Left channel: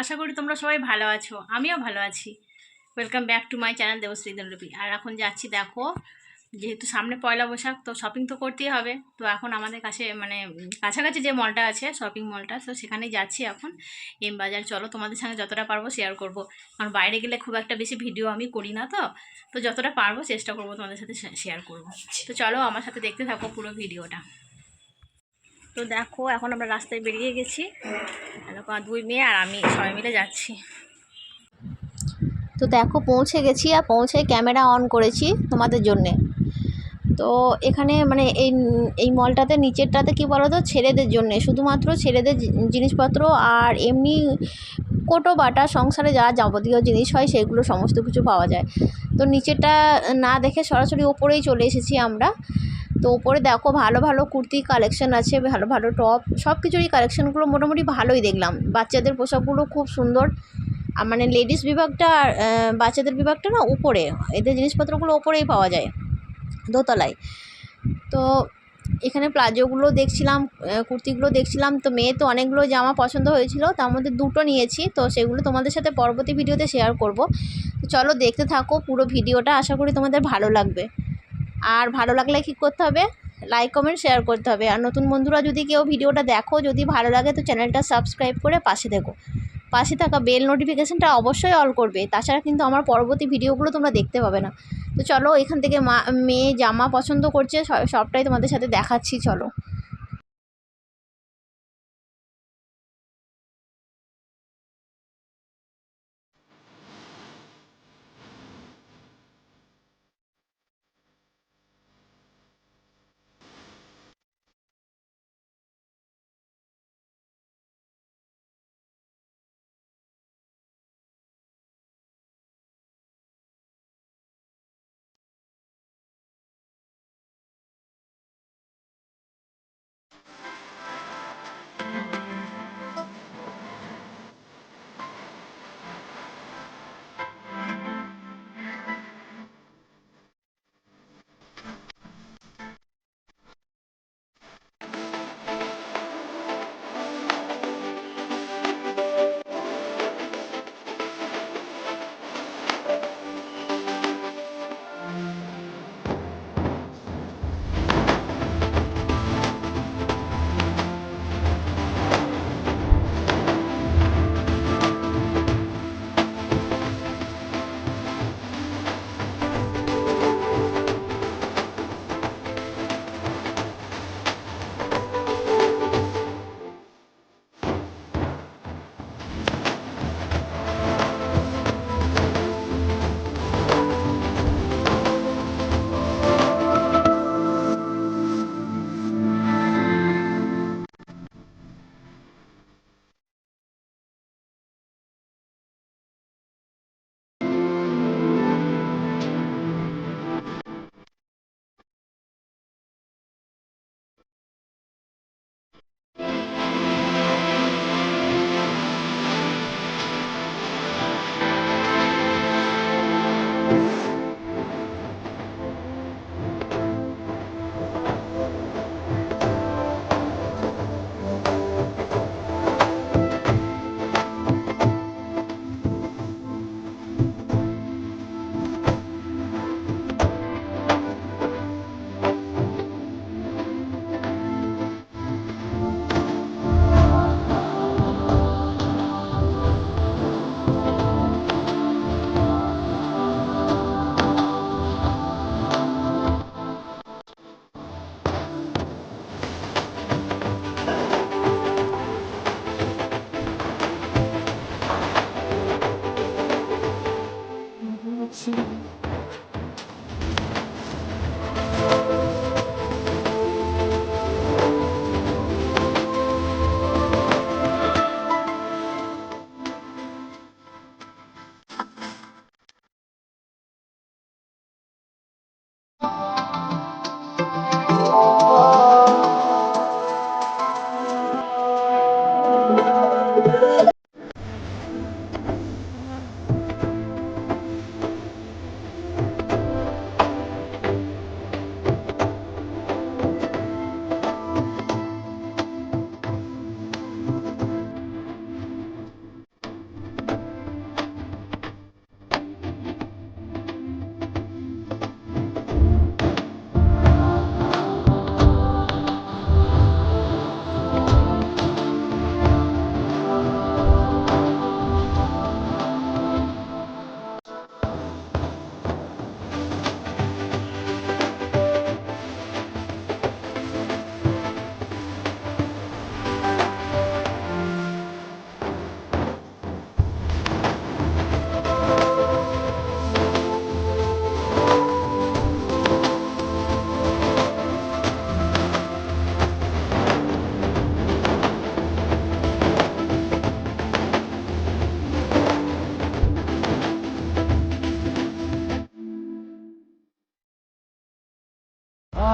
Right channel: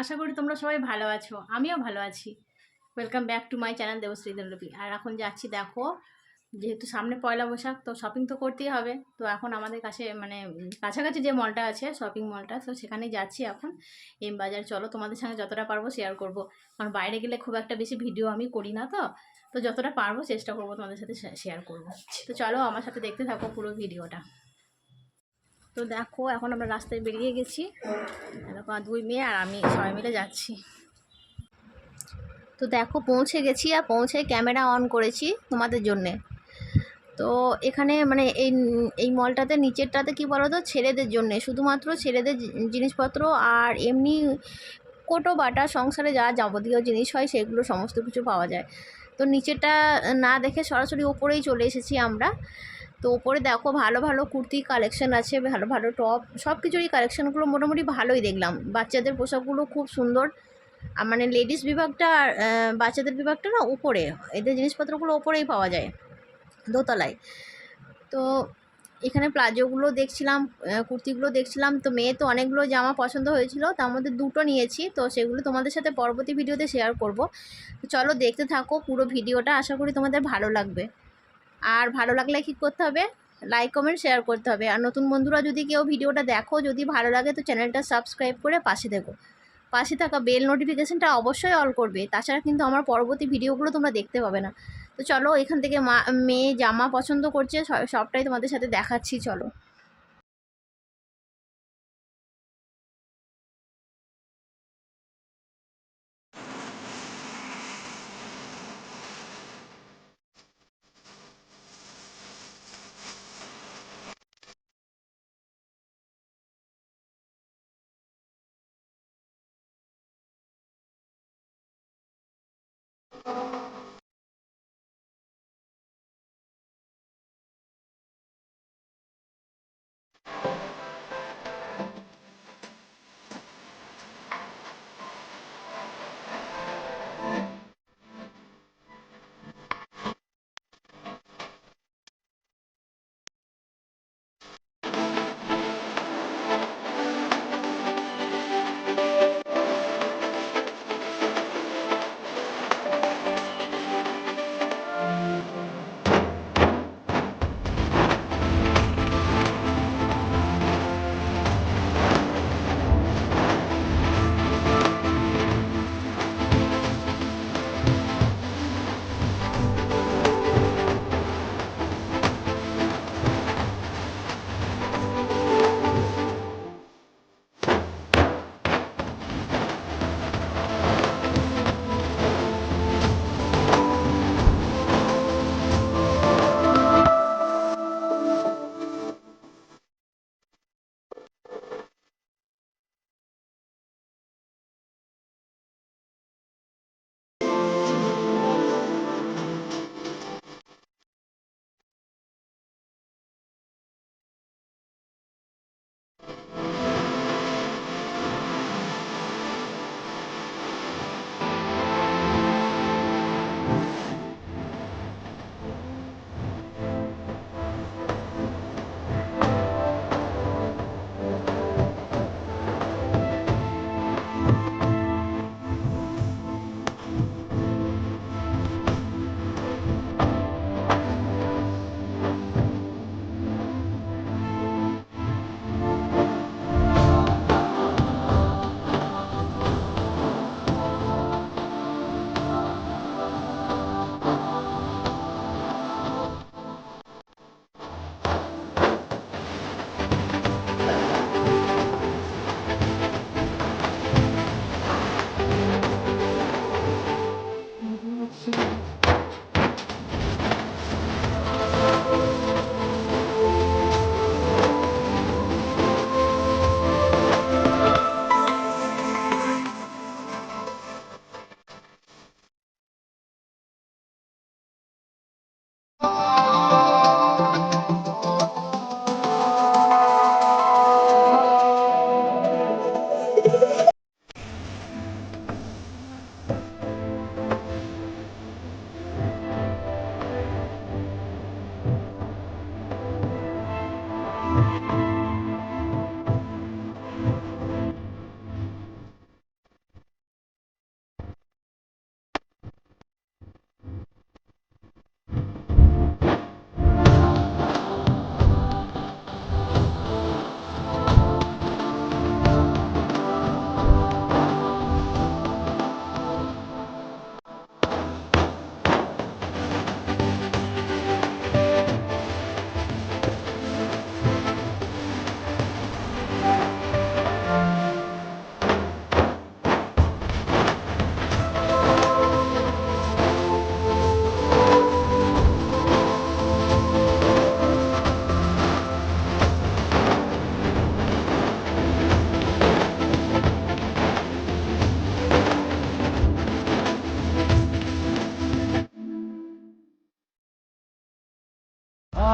আশা করি তোমরা সবাই ভালো আছো, আমিও ভালো আছি। Welcome back to my channel Debashree Dinlipi. আর এখন যাচ্ছি, দেখো যেহেতু সামনে পয়লা বৈশাখ, তো শপিং তো করতেই হবে। তো এখন আমাদের কাছে মানে কাছাকাছি যে মলটা আছে, শপিং মলটা, তো সেখানেই যাচ্ছি এখন। এম বাজার। চলো তোমাদের সঙ্গে যতটা পারবো শেয়ার করব, কারণ বাইরে গেলে খুব একটা বেশি ভিডিও আমি করি না। তো যতটা পারবো চেষ্টা করবো তোমাদের সাথে শেয়ার করব। তো চলো আমার সাথে দেখতে থাকো পুরো ভিডিওটা। তো দেখো এখন আমরা রাস্তায় বেরিয়ে গেছি, এরকম দুই মেয়ে আর আমি সবাই মিলে যাচ্ছি। তো দেখো পৌঁছে গেছি, আর পৌঁছে ক্যামেরা অন করেছি তোমাদের জন্যে। তো এখানে মানে এই মলটাতে নিচেরটাতে কি বলো তো, ছেলেদের জন্যে, শুধুমাত্র ছেলেদের জিনিসপত্র আর এমনি কোটো বাটা সংসারে যা যাবতীয় জিনিস হয় সেগুলো সমস্ত কিছু পাওয়া যায়। তো নিচেরটা না দেখে সরাসরি ওপরেই চলে এসেছি আমরা। তো ওপরে দেখো ভালো ভালো কুর্তি কালেকশন আছে, ভালো ভালো টপ, সব কিছুরই কালেকশানগুলো মোটামুটি ভালোই দেখলাম। বাচ্চাদের পোশাকগুলো খুব সুন্দর। মানে লেডিস বিভাগটা আর বাচ্চাদের বিভাগটা না উপরে, এদের জিনিসপত্রগুলো ওপরেই পাওয়া যায়, দোতলায়। তো এখানে প্লাজোগুলো দেখছিলাম, কুর্তিগুলো দেখছিলাম। তো মেয়ে তো অনেকগুলো জামা পছন্দ হয়েছিল, তার মধ্যে দুটো নিয়েছি। তো সেগুলো তোমাদের সাথে পরবর্তী ভিডিওতে শেয়ার করব। তো চলো দেখতে থাকো পুরো ভিডিওটা, আশা করি তোমাদের ভালো লাগবে। আর ভালো লাগলে কী করতে হবে, লাইক কমেন্ট শেয়ার করতে হবে। আর নতুন বন্ধুরা যদি কেউ ভিডিওটা দেখো, যদি ভালো লাগে তো চ্যানেলটা সাবস্ক্রাইব করে পাশে থাকা বেল নোটিফিকেশানটা অবশ্যই অল করবে, তাছাড়া কিন্তু আমার পরবর্তী ভিডিওগুলো তোমরা দেখতে পাবে না। তো চলো এখান থেকে মেয়ে জামা পছন্দ করছে, সবটাই তোমাদের সাথে দেখাচ্ছি, চলো।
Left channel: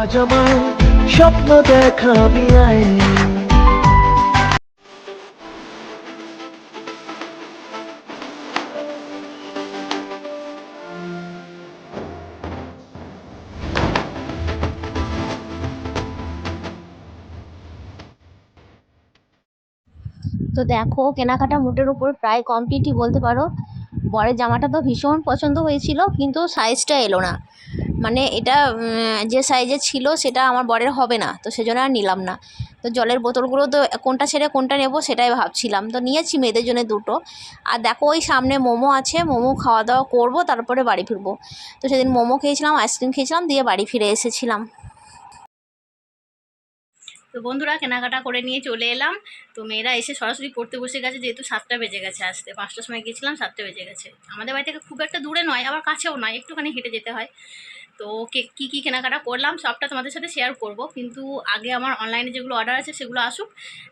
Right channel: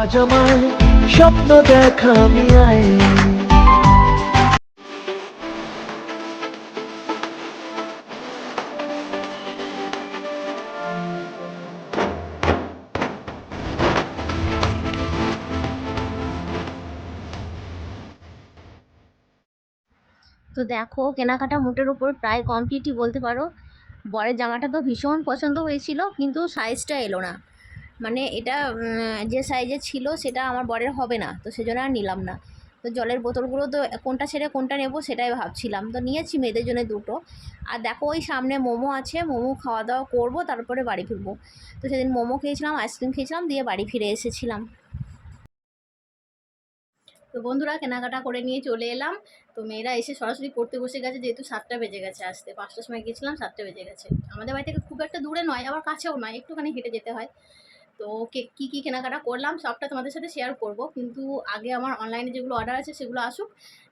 আজ আমার স্বপ্ন দেখা আমি আই। তো দেখো কেনাকাটা মোটের উপর প্রায় কমপ্লিটই বলতে পারো। বরের জামাটা তো ভীষণ পছন্দ হয়েছিল, কিন্তু সাইজটা এলো না। মানে এটা যে সাইজে ছিল সেটা আমার বরের হবে না, তো সেজন্য আর নিলাম না। তো জলের বোতলগুলো তো কোনটা ছেড়ে কোনটা নেব সেটাই ভাবছিলাম, তো নিয়েছি মেয়েদের জন্য দুটো। আর দেখো ওই সামনে মোমো আছে, মোমো খাওয়া দাওয়া করবো তারপরে বাড়ি ফিরবো। তো সেদিন মোমো খেয়েছিলাম, আইসক্রিম খেয়েছিলাম, দিয়ে বাড়ি ফিরে এসেছিলাম। তো বন্ধুরা কেনাকাটা করে নিয়ে চলে এলাম। তো মেয়েরা এসে সরাসরি পড়তে বসে গেছে, যেহেতু 7টা বেজে গেছে, আসতে 5টার সময় গিয়েছিলাম, 7টা বেজে গেছে। আমাদের বাড়ি থেকে খুব একটা দূরে নয়, আবার কাছেও নয়, একটুখানি হেঁটে যেতে হয়। তো কী কী কেনাকাটা করলাম সবটা তোমাদের সাথে শেয়ার করব, কিন্তু আগে আমার অনলাইনে যেগুলো অর্ডার আছে সেগুলো আসুক,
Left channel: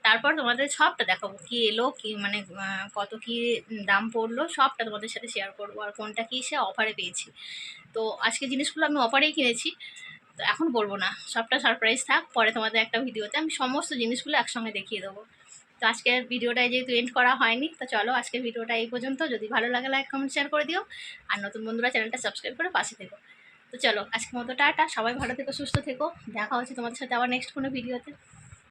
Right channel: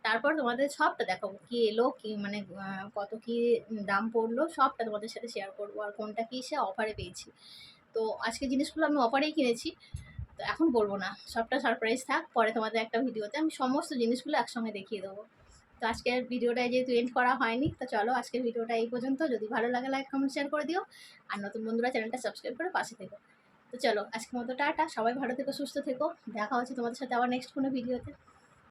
তারপর তোমাদের সবটা দেখাবো, কী এলো কী মানে কত কী দাম পড়লো সবটা তোমাদের সাথে শেয়ার করবো, আর কোনটা কী সে অফারে পেয়েছি। তো আজকে জিনিসগুলো আমি অফারেই কিনেছি, তো এখন বলবো না, সবটা সারপ্রাইজ থাক, পরে তোমাদের একটা ভিডিওতে আমি সমস্ত জিনিসগুলো একসঙ্গে দেখিয়ে দেবো। তো আজকের ভিডিওটায় যেহেতু এন্ড করা হয়নি, তো চলো আজকের ভিডিওটা এই পর্যন্ত। যদি ভালো লাগে লাইক কমেন্ট শেয়ার করে দিও, আর নতুন বন্ধুরা চ্যানেলটা সাবস্ক্রাইব করে পাশে থেকো। তো চলো আজকের মতো টাটা, সবাই ভালো থেকো, সুস্থ থেকো, দেখা হচ্ছে তোমাদের সাথে আবার নেক্সট কোনো ভিডিওতে।